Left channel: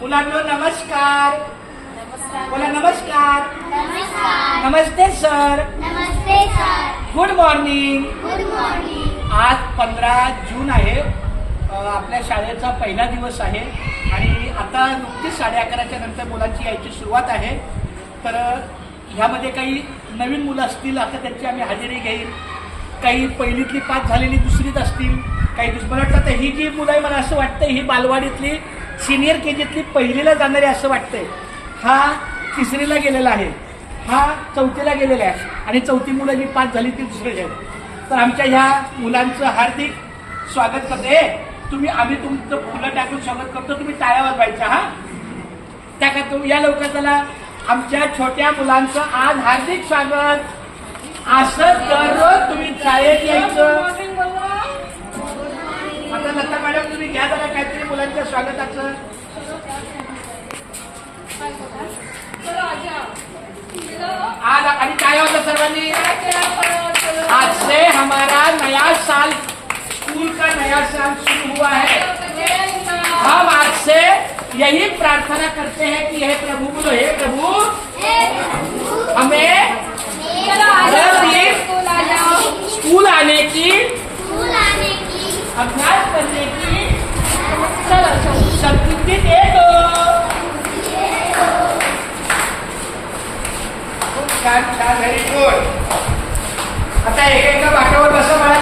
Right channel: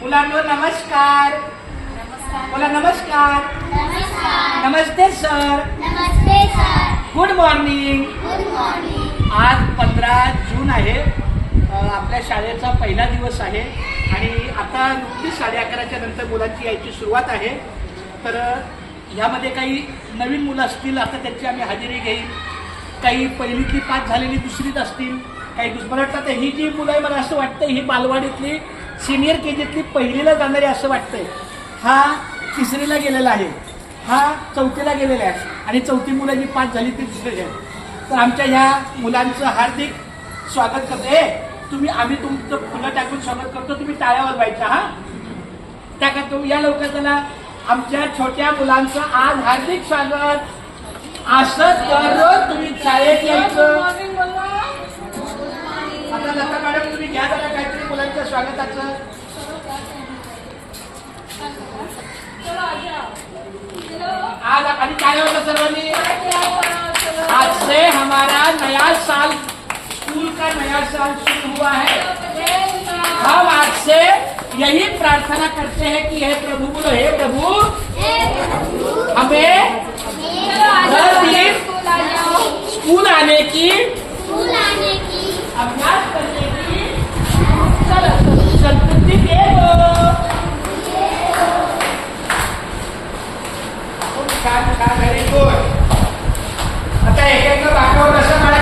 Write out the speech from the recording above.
मुलांनो नमस्कार. बोला नमस्कार. नमस्कार. नमस्ते सर. नमस्ते sir. Good morning. Good morning. आज 15 जून आहे. आपल्या शाळेचा पहिला दिवस आहे आणि आता नुकतीच 11:30च्या नंतर मुलांची यायची सुरुवात आहे. तर ह्यामध्ये काही नवीन मुलं असतील, आता त्यांची आम्ही हजेरी घेईल. काही पहिलीतली पास झालेली दुसरीत असतील, काही मला वाटतं आता ही जी मुलं आहे, मला असं वाटतं ही बालवाडीतली सिनियर केजीतली पहिलीला जाणारी असं वाटतंय. हा तिसरीला गेलेला आहे, हा चौथीला गेलेला आहे आणि चौथी मुलं जी पास झाली ती दुसरीची आहे. तर आमच्या ह्या मुलांचं हार्दिक स्वागत करते. आम्ही तुमचं फुलं टाकून स्वागत करतो, तुम्ही टाळ्या वाजवायच्या. हा त्या का या लवकर चला. आमच्या छोट्या मुलांचं आज हार्दिक स्वागत. असं दररोज तुम्ही शाळेत यायचं. आता लता मॅडम तुम्ही घ्या जरा काहीतरी मुलांच्या स्वागताचं. आज आणि टाळ्या वाजवा सर्वांनी. आज से हमारा नया साल, स्कूल का नया साल शुरू हुआ है. हम आज से यही प्रार्थना करते हैं कि हे प्रभु, हे प्रभु